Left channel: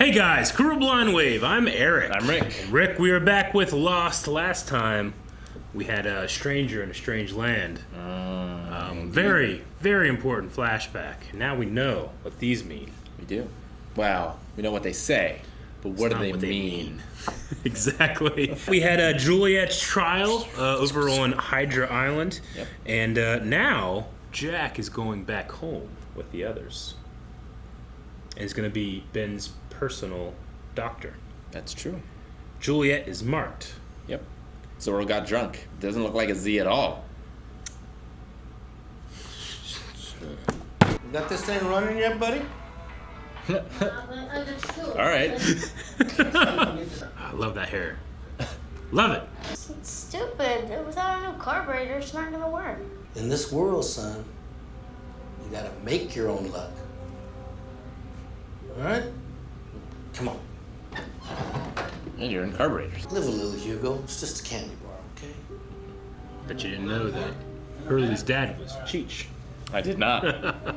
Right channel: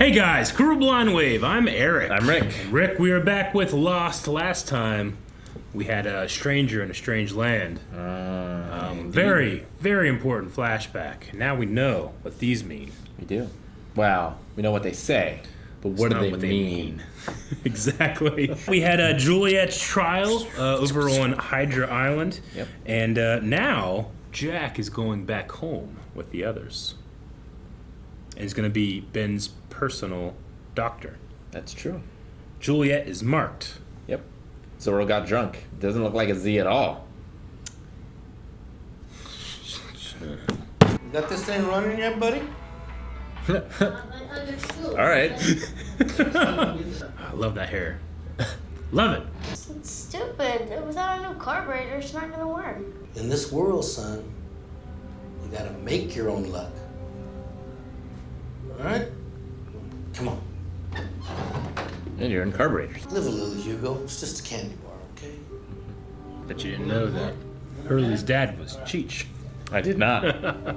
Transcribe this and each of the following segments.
Hey guys, Crew Blind Wave, I'm Eric. I'm Rick. Rick, we were back with Lost last time. We had a stranger in a strange land. Very, very important flashback. Now we know what these mean. We do. Wow, we know what they say, but what do they mean? Exactly. We had Juliet's trial over on Hydra Island. Yep. And now Jack is going back home with the others. And he's going to be Ben's personal doctor. That's true. Juliet is marked. Yep. Zoro got drunk. Doesn't look like a Z at all. You got this thing running yet, buddy? All right. I love that hair. Love it. It's stupid. Without a new carburetor, it's not gonna work. In this world, son, you gotta make your own luck. All right? Come on. And you're in carburetors. Live a little, Hugo. It's just a candy bar, okay? Bet you didn't know that Hurley's dad was Cheech. I did not. I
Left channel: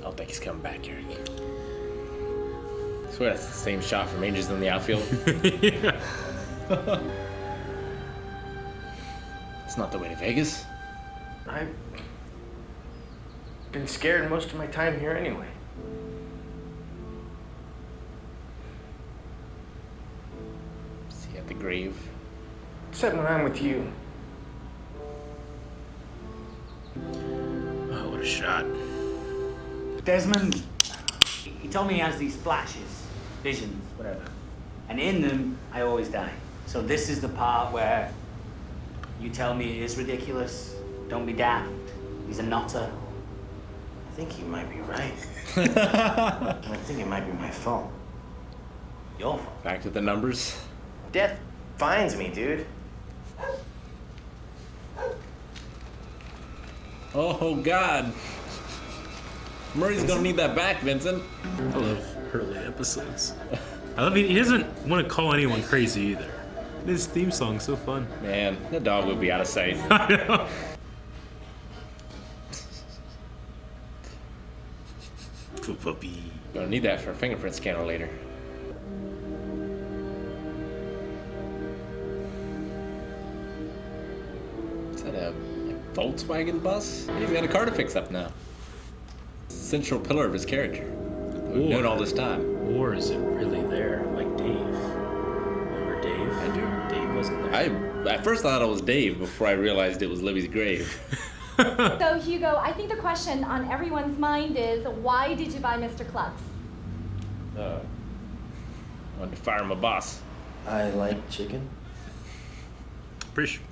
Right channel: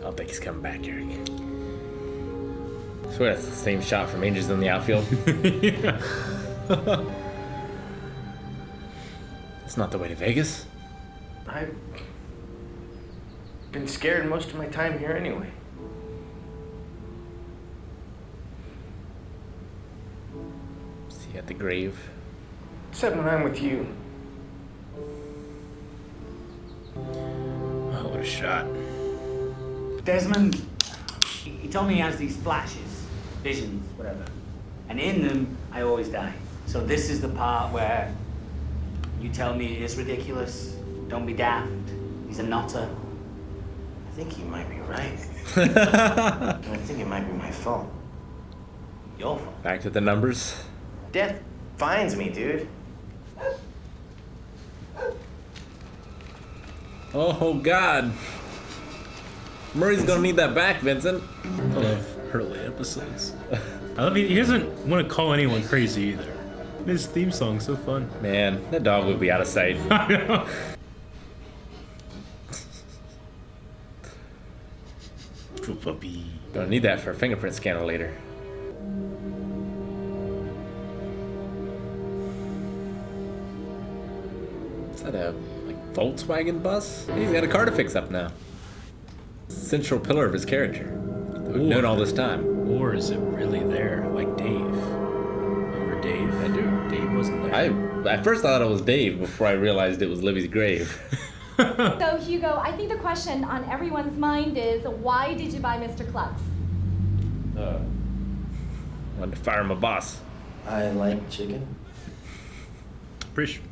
don't think he's coming back, Eric. I swear that's the same shot from Angels in the Outfield. Yeah. It's not the way to Vegas. I've been scared most of my time here anyway. See at the grave. Except when I'm with you. Oh, what a shot. Desmond, he told me he has these flashes, visions, whatever. And in them, I always die. So this is the part where you tell me it is ridiculous. Don't be daft. He's a nutter. I think he might be right. And I think it might be my fault. Your fault. Back to the numbers. Death finds me, dude. Oh, God. Murray's gonna need that back, Vincent. I love Hurley episodes. I love he doesn't want to call anyone crazy either. His theme song's so fun. Man, that dog would be out of sight. I know. True puppy. Don't need that for a fingerprint scanner later. Is that a Volkswagen bus? He's got a car to fix up now. Central pillar of his character. We've known all this time. Or is it really there, like Dave? Remember Dave? I do. Dave wasn't there. I at first thought it was Dave before I realized it was Libby's grave. So, Hugo, I think the question on everyone's mind is, why did you buy Mr. Clucks? Wanted to fire my boss. I like chicken. Pretty sure.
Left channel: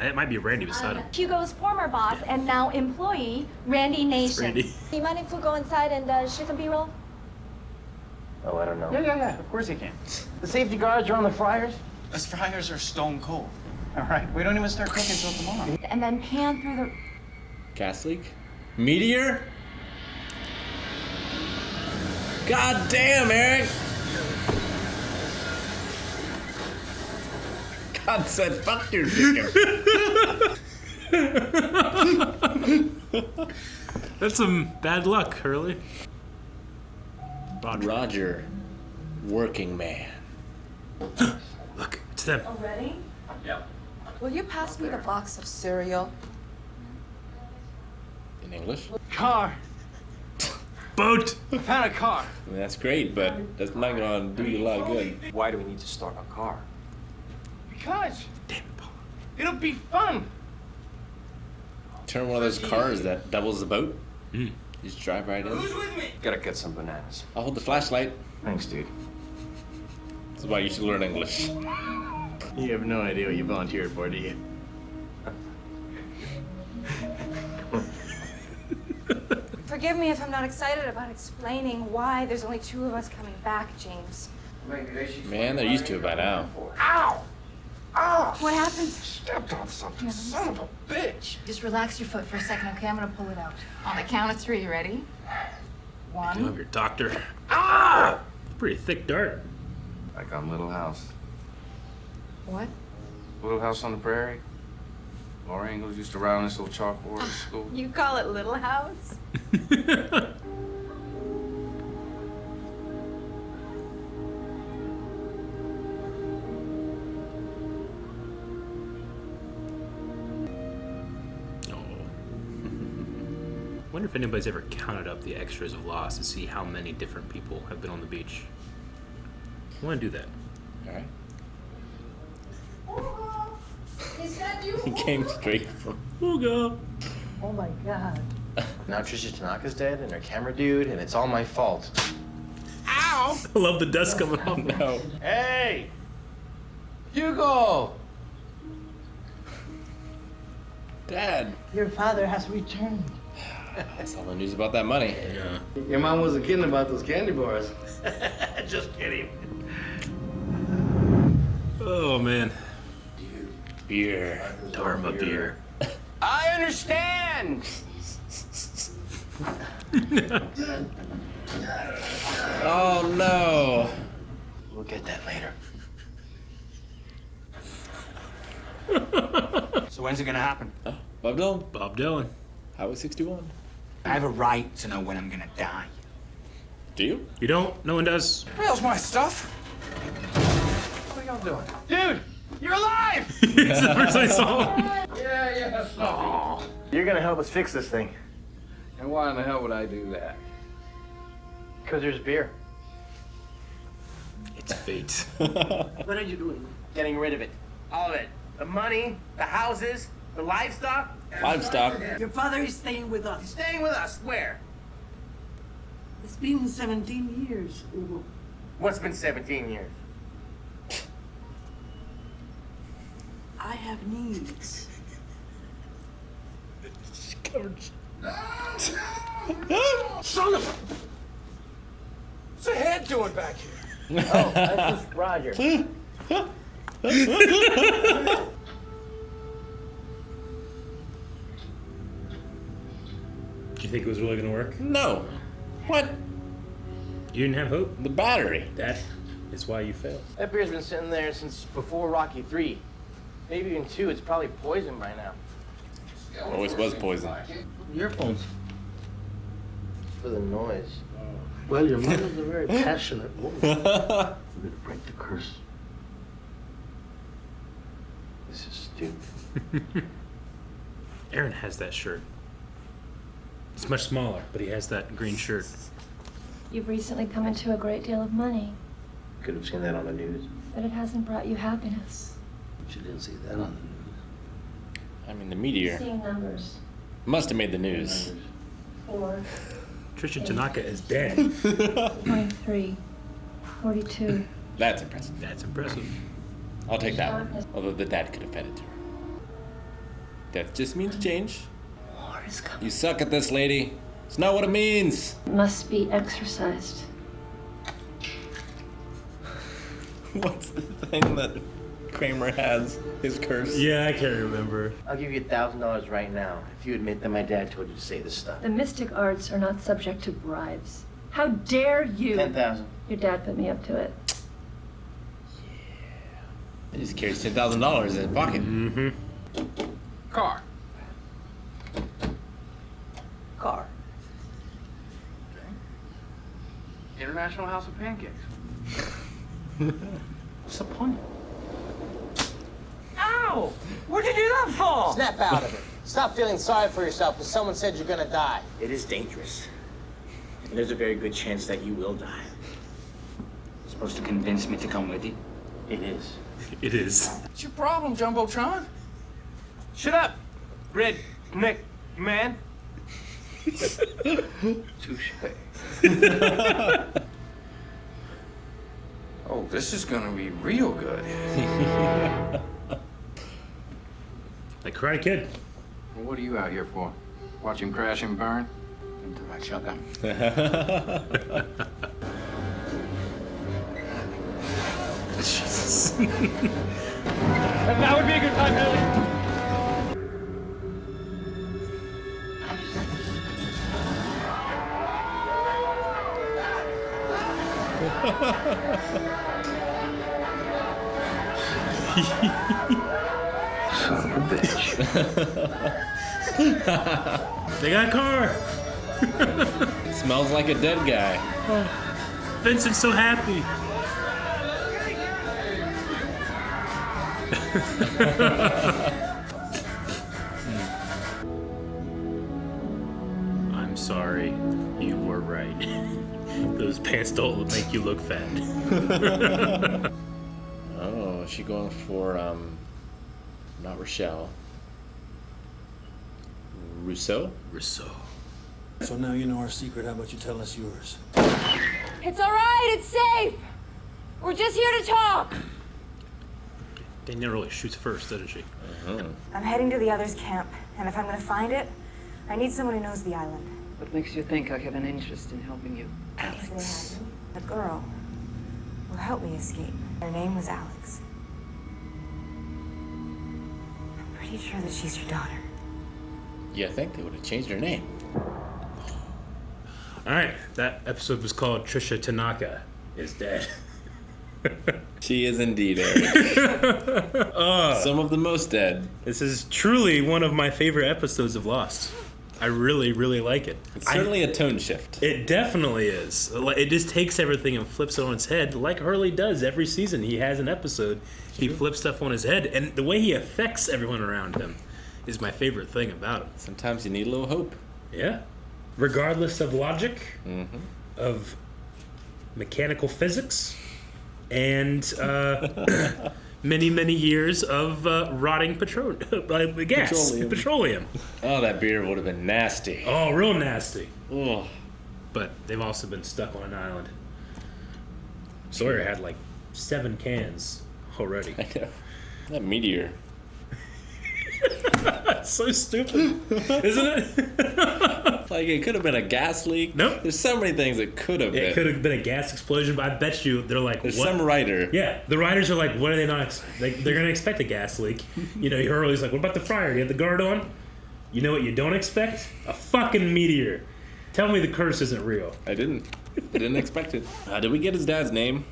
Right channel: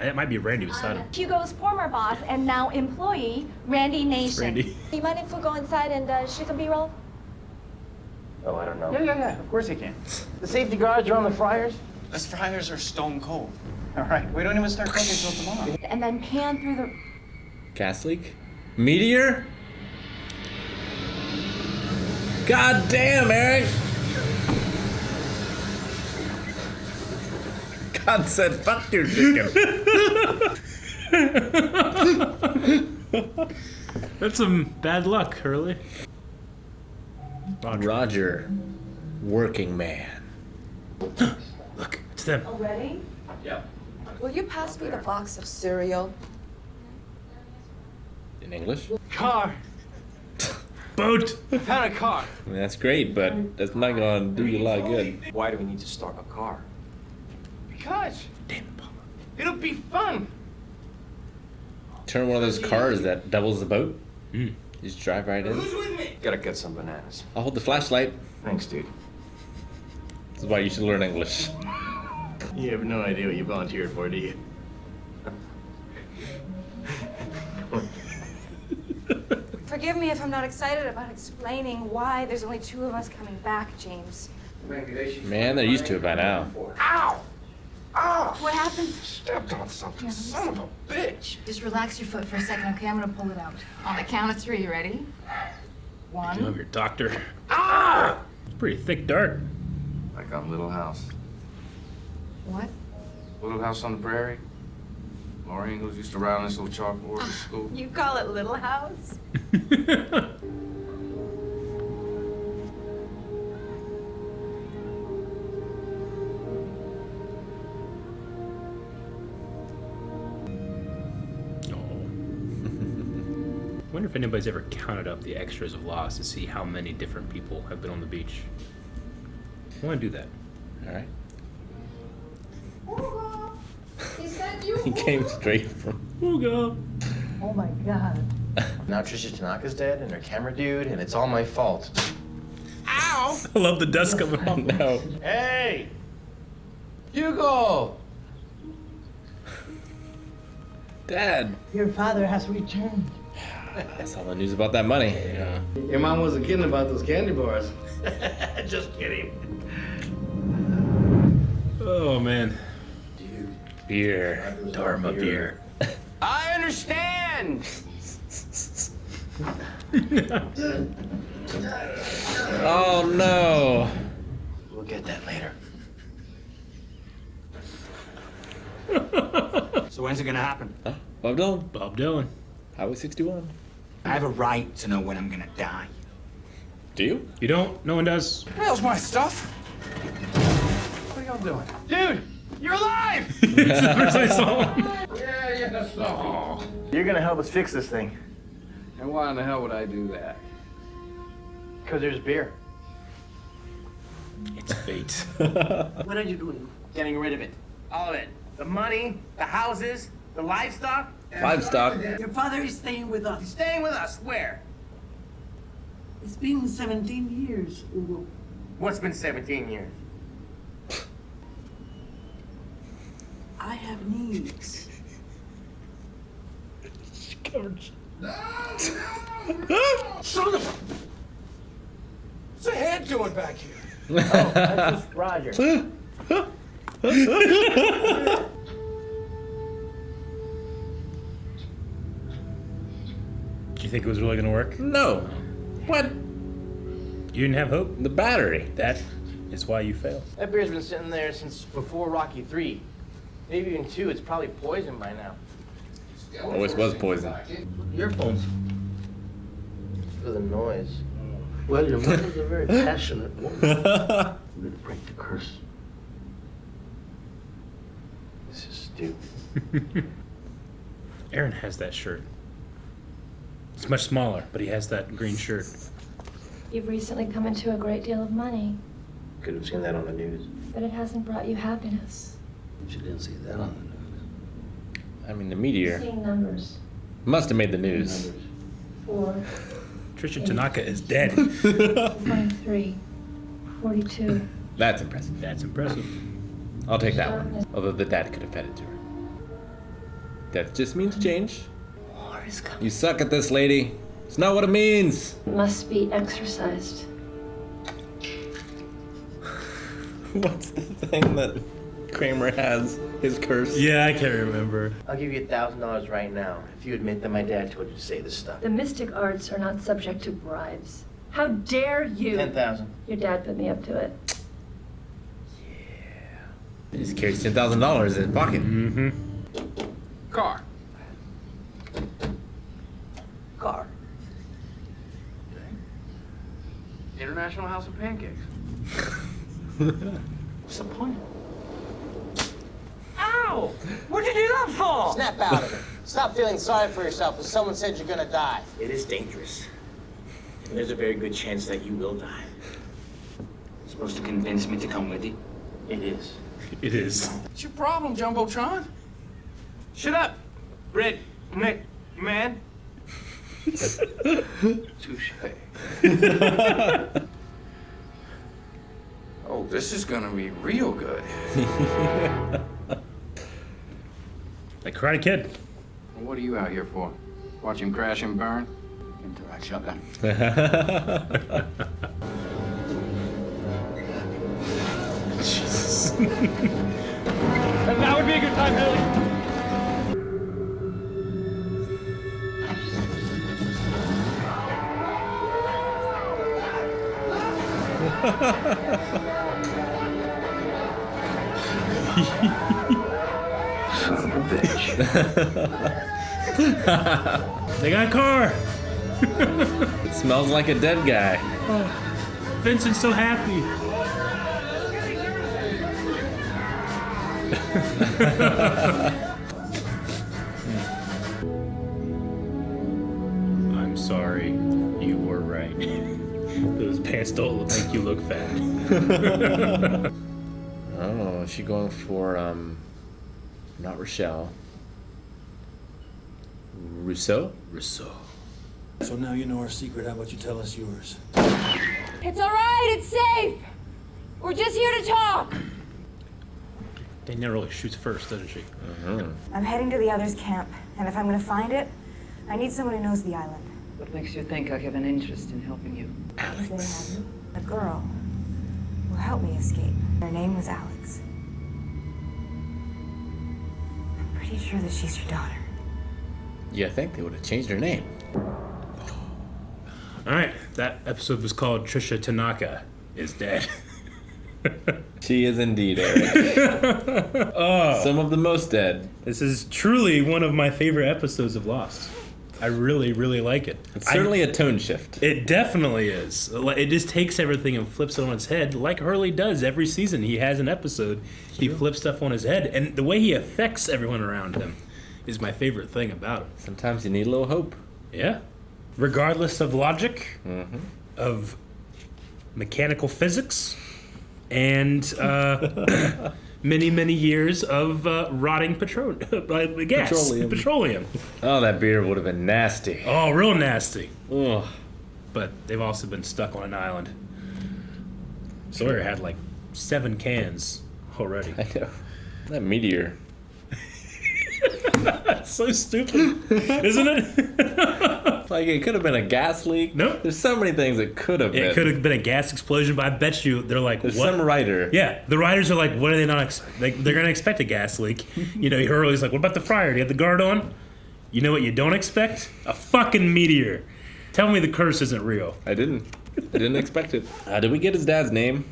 It might be Randy beside him. Hugo's former boss and now employee, Randy Nation. Randy. Do you mind if we go inside and shoot some B-roll? Oh, I don't know. Yeah, of course he can. The safety guards are on the fryers. Those fryers are stone cold. All right, we don't even start cooking until tomorrow. And then pan through the... Gas leak? Meteor? God damn, Eric! God said, fuck your victim. That's some bad luck, Hurley. Roger, working man. Look, it's them. Already? Yep. Will you pass me the box of cereal? In English? Car. Boat. I found a car. I mean, that's great, but that's not gonna do you a lot of good. Why do we need to start a car? Because Damn it, Paul. it'll be fun. Turn one of those cars that doubles the boat. Mm. Just drive right in. Who's with me? Gotta get some bananas. I'll hold the flashlight. Thanks, dude. This is why you should learn English. You have no idea what you volunteered for, do you? Forgive me if I'm not excited about explaining why there's only two of us coming back, James. Man, they're used to it by now. Ow! Ow! What happened? Stepped on something. Son of a bitch. Just relax your foot for a second, okay? I'm gonna pull it out. On the count of three, you ready? I One. love your doctor. Ah! Pretty thick dirt. Like on Little House. What? Little House on the Prairie. Laura Ingalls used to ride on this little chalkboard at school. You call it Little House? if anybody's ever counted up the extras of Lost to see how many different people have been on the beach. I want to do that. All right. Is that you? He came straight from. Hugo. Oh my God. Now Tricia Tanaka's dead and her camera dude, and it's all my fault. Ow! I love the dust coming off. No. Hey! Hugo! Dad. Your father has returned. I saw the news about that money. Your mom wasn't kidding about those candy bars. Just kidding. Oh man. Beer. Dharma beer. I understand. Oh no. We'll get that later. So when's it gonna happen? Huh? Bob Dylan. Bob Dylan. Highway 61. I have a right to know when I'm gonna die. Do you? You don't? No one does. Where's my stuff? What are y'all doing? Dude, you're alive! It's the first I saw him. Yeah, stuffy. You're gonna help us fix this thing. And why in the hell would I do that? Because there's beer. It's fate. What are you doing? Getting rid of it. All of it. The money, the houses, the livestock. Livestock. Your father is staying with He's us. staying with us. Where? It's been 17 years, Hugo. What's been 17 years? I have needs. Son of a... What's the head doing back here? Oh, that's just Roger. Do you think it was really gonna work? No. What? You didn't have hope? The battery. That is why you failed. That beer's been sitting there since before Rocky 3. Maybe even 2. It's probably poisoned by now. Always was poison. Earphones. It's for the noise. Well, your mother's a very passionate woman. We're gonna break the curse. This is stupid. Aaron has that shirt. It's much smaller, but he has that green shirt. You've recently come into a great deal of money, Could have seen that on the news. but it hasn't brought you happiness. She didn't see that on the news. I mean, the meteor Seeing numbers. must have made the news. 4, Tricia Tanaka is dead. 23, 42. That's impressive. That's impressive. I'll take that one. Although the dad could have fed it to her. Death just means change. War is coming. You suck at this, lady. It's not what it means. Must be exercised. What's the thing that Kramer has? His curse? Yeah, I can't remember. I'll give you $1,000 right now if you admit that my dad told you to say this stuff. The mystic arts are not subject to bribes. How dare you? 10,000. Your dad put me up to it. He just carries $10,000 in his pocket. Mm-hmm. Car. Car. International House of Pancakes. What's the point? Ow! What'd you do that for? Snap out of it. Stop feeling sorry for yourself when someone said you're gonna die. It is dangerous. And there's a very good chance that you will die. Supposed to convince me to come with you? It is. It is. What's your problem, Jumbotron? Shut up! Red, Nick, you man? Touche. Oh, this is gonna be real good. Like Karate Kid. What are you out here for? Watch him crash and burn? Into that shotgun. Jesus. That would be a good time, Billy. Son of a bitch. They got a car. It smells like a dead guy. Vincent's so happy. I'm so don't think you look fat. Oh, is she going for, not Rochelle. Rousseau? Rousseau. So now you know our secret. How about you tell us yours? It's all right. It's safe. We're just here to talk. Danielle really shoots first, doesn't she? I'm heading to the others' camp, and if I'm gonna find it, I need someone who knows the island. What makes you think I have an interest in helping you? Alex. A girl who helped me escape. Her name was Alex. I'm pretty sure that she's your daughter. You think they would have changed her name? Alright, that episode was called Tricia Tanaka is Dead. She is indeed, Eric. Some of the most dead. This is truly one of my favorite episodes of Lost. I really, really like it. It's certainly a tone shift. It definitely is. It just takes everything and flips it on its head, like Hurley does every season. He has an episode, he flips stuff on his head, and the way he affects everyone around him is my favorite thing about it. Sometimes you need a little hope. Yeah. Regardless of logic, of mechanical physics, and many, many years of rotting gas. Petroleum. Oh, that beer would have been nasty. Oh, real nasty. Ugh. But they've also been stuck on an island. Sawyer had like 7 cans already. I know. That meteor. That's so stupid, isn't it? Like, it could have been a gas leak. Nope. There's so many things it could have been. It could have been a gas explosion, but I bet you they're like, There's what? some writer. Yeah, the writers are like, what are they not? They're going to expect a gas leak. You know, Hurley's like, what about the fryer? Do you have the guard on? You know what you don't expect? A fucking meteor. Tell me the curse isn't real. I didn't expect it. Did we get his dad's name?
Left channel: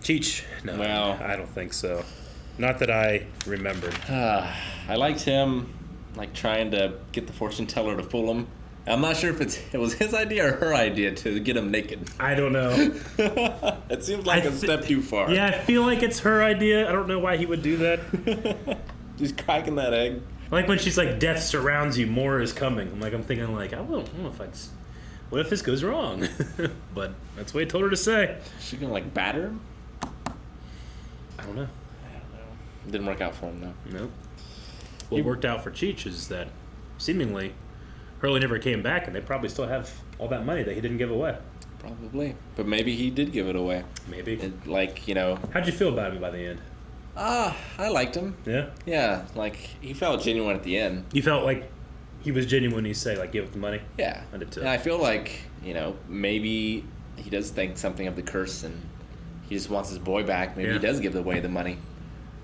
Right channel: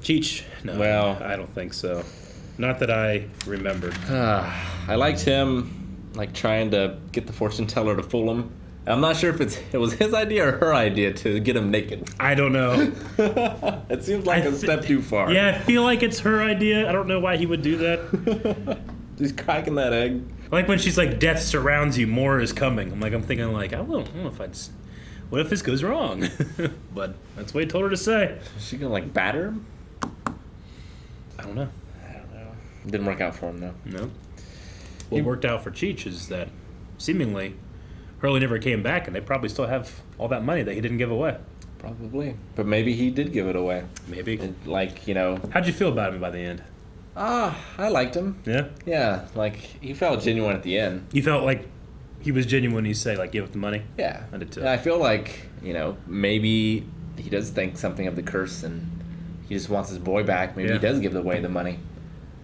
Cheech. No, Well, I don't think so. Not that I remember. I liked him, like, trying to get the fortune teller to fool him. I'm not sure if it was his idea or her idea to get him naked. I don't know. It seems like a step too far. Yeah, I feel like it's her idea. I don't know why he would do that. Just cracking that egg. Like when she's like, death surrounds you, more is coming. I'm thinking like, I don't know if what if this goes wrong? But that's what he told her to say. Is she gonna, like, batter him? I don't know. It didn't work out for him, though. No. What worked out for Cheech is that seemingly Hurley never came back, and they probably still have all that money that he didn't give away. Probably. But maybe he did give it away. Maybe. Like, you know. How'd you feel about him by the end? I liked him. Yeah? Yeah, like, he felt genuine at the end. You felt like he was genuine when he said, like, give up the money? Yeah. I did too. And I feel like, you know, maybe he does think something of the curse and he just wants his boy back. Maybe he does give away the money.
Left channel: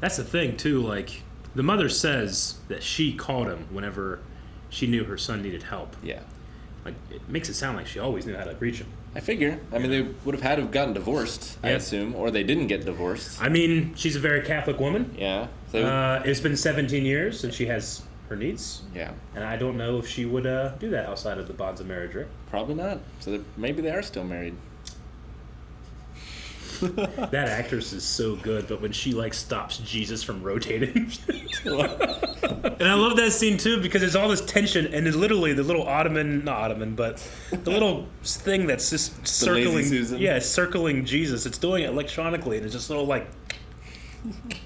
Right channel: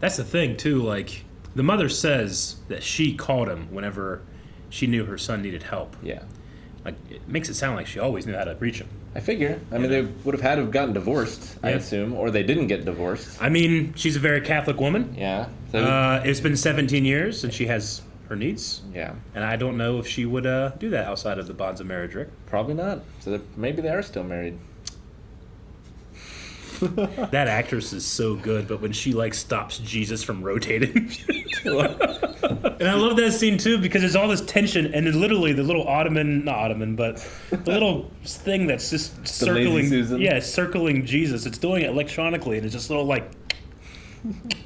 That's the thing, too. Like, the mother says that she called him whenever she knew her son needed help. Yeah. Like, it makes it sound like she always knew how to reach him. I figure. I mean, they would have had to have gotten divorced, I assume, or they didn't get divorced. I mean, she's a very Catholic woman. Yeah. So, It's been 17 years and she has her needs. yeah. And I don't know if she would do that outside of the bonds of marriage, Rick. Probably not. So maybe they are still married. That actress is so good, but when she like stops Jesus from rotating, and I love that scene too because there's all this tension, and it's literally the little not Ottoman, but the little thing that's just circling, circling Jesus. It's doing it electronically, and it's just little like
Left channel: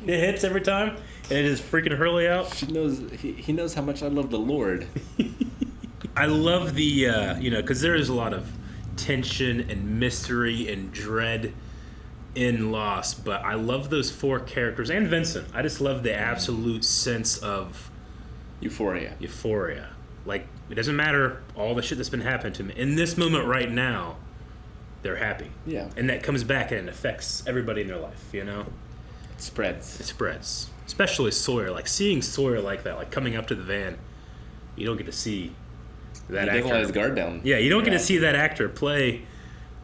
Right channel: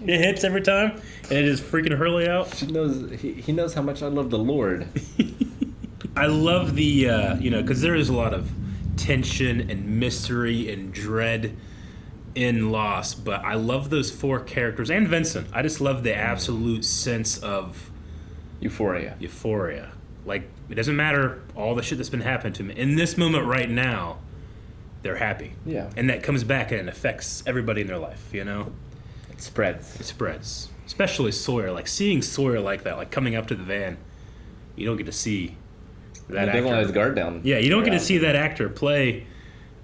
it hits every time, and it is freaking Hurley out. He knows how much I love the Lord. I love the because there is a lot of tension and mystery and dread in Lost, but I love those 4 characters and Vincent. I just love the absolute sense of Euphoria. Like, it doesn't matter all the shit that's been happening to me. In this moment right now, they're happy. Yeah. And that comes back and it affects everybody in their life, you know? It spreads. Especially Sawyer. Like, seeing Sawyer like that, like coming up to the van, you don't get to see that actor. He doesn't let his guard down. Yeah, you don't get to see that actor play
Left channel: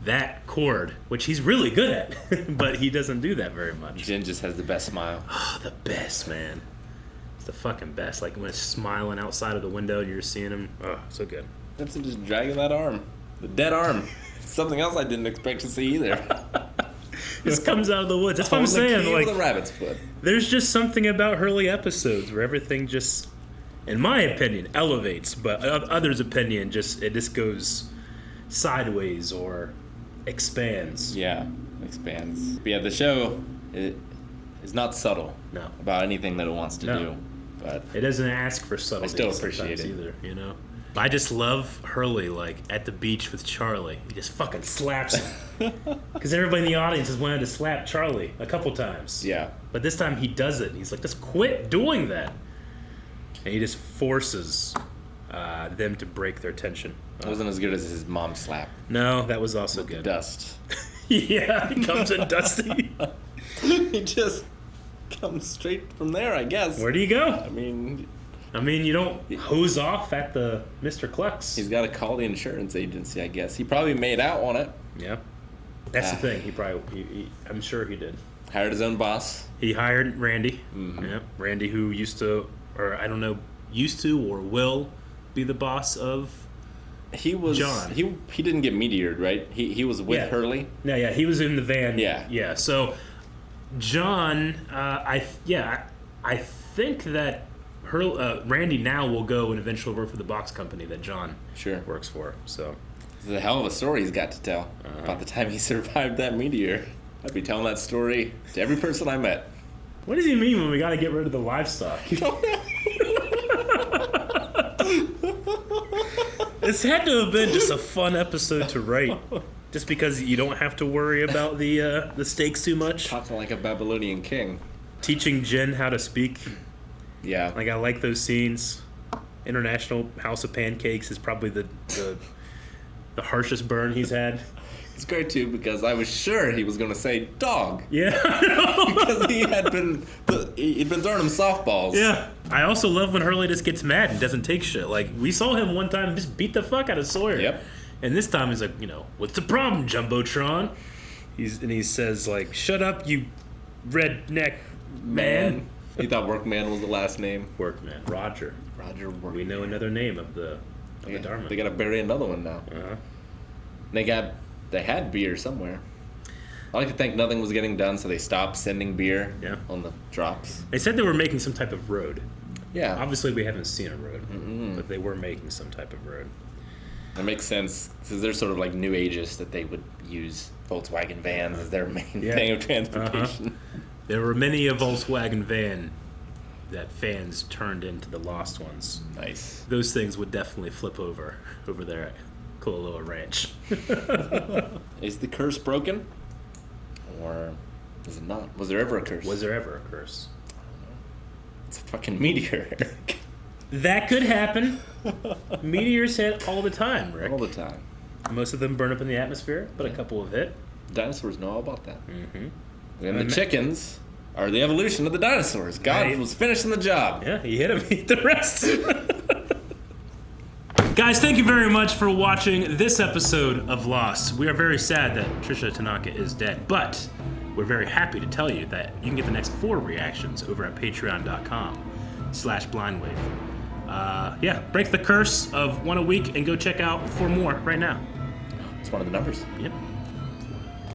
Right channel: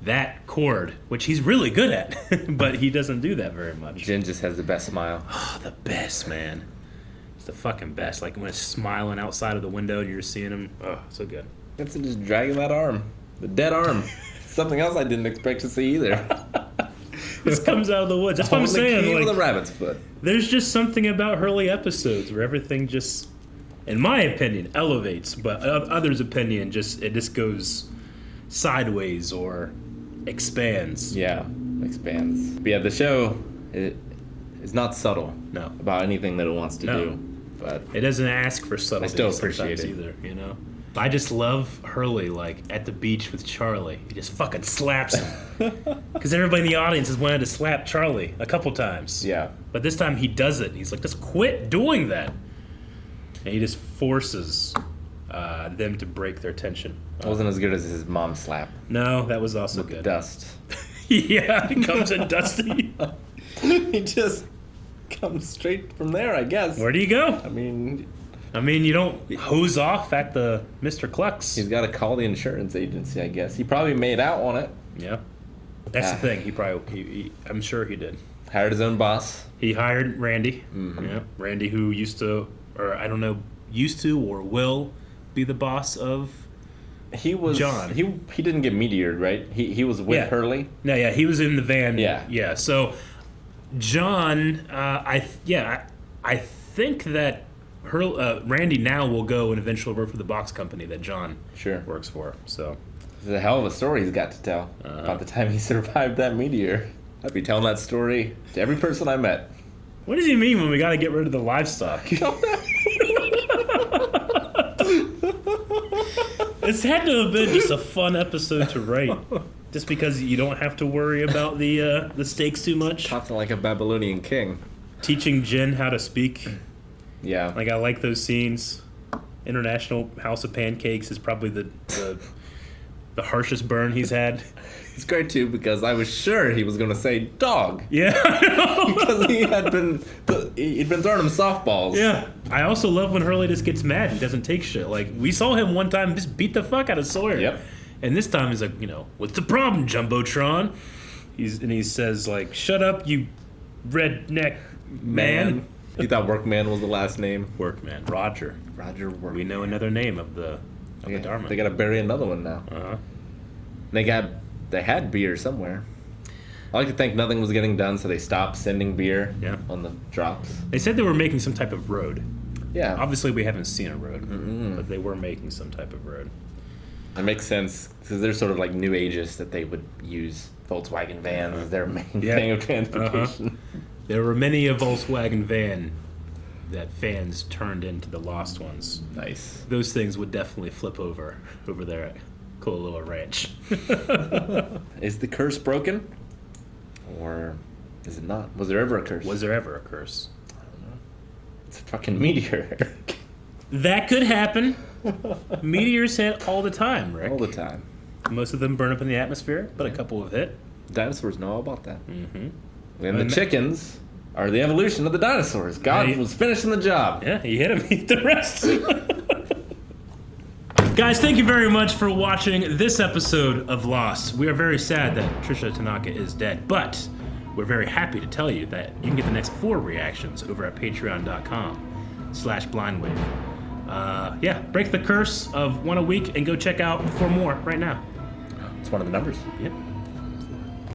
that chord, which he's really good at, but he doesn't do that very much. Jen just has the best smile. Oh, the best, man. It's the fucking best. Like when it's smiling outside of the window and you're seeing him. Oh, so good. It's just dragging that arm. The dead arm. Something else I didn't expect to see either. This comes out of the woods. That's what I'm saying. Like, with a rabbit's foot. There's just something about Hurley episodes where everything just, in my opinion, elevates, but others' opinion it just goes sideways or expands. Yeah, expands. But yeah, the show is not subtle. No. About anything that it wants to do. But it doesn't ask for subtlety. I still appreciate it either, you know. I just love Hurley, like at the beach with Charlie. He just fucking slaps him. Because everybody in the audience has wanted to slap Charlie a couple times. Yeah. But this time he does it. He's like, just quit doing that. And he just forces them to break their tension. It wasn't as good as his mom slap. No, that was also good. Dust. Yeah, he comes in dusty. He just comes straight from there, I guess. Where do you go? I mean, you don't hose off at the Mr. Clucks. He's got to call the insurance agency, I guess. He probably made out on it. Yeah. That's the thing. He probably, I'm sure he did. Hired his own boss. He hired Randy. Mm-hmm. Yeah. Randy, who used to, or I don't know, used to or will be the boss of John. He didn't get meteored, right? He was with Hurley. No, yeah, he was in the van. Yeah. So John, I think that Randy now will go and eventually work for the box company that John works for. So it's a hell of a story he's got to tell about the time he survived that meteor. I'd be telling that story to every person I met. What does he mean when we got to get rid of the livestock? This had to have been just a fun episode to write. Just because you don't have to worry about the stakes too much. Talking like a Babylonian king. Teaching Jin how to speak. Yeah. Like, I like those scenes. International House of Pancakes is probably the harshest burn he's had. It's great, too, because I was sure he was going to say dog. Yeah. Because he'd been throwing him softballs. Yeah. I also love when Hurley just gets mad and doesn't take shit. Like, we saw him one time just beat the fuck out of Sawyer. Yep. And this time he's like, what's the problem, Jumbotron? He says, like, shut up, you redneck man. He thought Workman was the last name. Workman. Roger Workman. We know another name of the Dharma. They got to bury another one now. Uh-huh. They had beer somewhere. I like to think nothing was getting done, so they stopped sending beer on the drops. They said they were making some type of road. Yeah. Obviously, we haven't seen a road, but they were making some type of road. It makes sense, because they're sort of like new ages that they would use Volkswagen vans as their main thing of transportation. There were many a Volkswagen van that fans turned into the lost ones. Nice. Those things would definitely flip over there at Kololoa Ranch. Is the curse broken? Or is it not? Was there ever a curse? Was there ever a curse? I don't know. It's a fucking meteor. That could happen. Meteors hit all the time, Rick. All the time. Most of them burn up in the atmosphere, but a couple have hit. Dinosaurs know all about that. Mm-hmm. And the chickens are the evolution of the dinosaurs. God was finishing the job. Yeah, he hit him. He hit the rest. Guys, thank you very much for watching this episode of Lost. We are very sad that Tricia Tanaka is dead, but we're very happy to tell you that you can get the next 4 reactions over at patreon.com/blindwave. Break the curse of 1 a week and go check out 4 more right now. It's one of the numbers. Yep.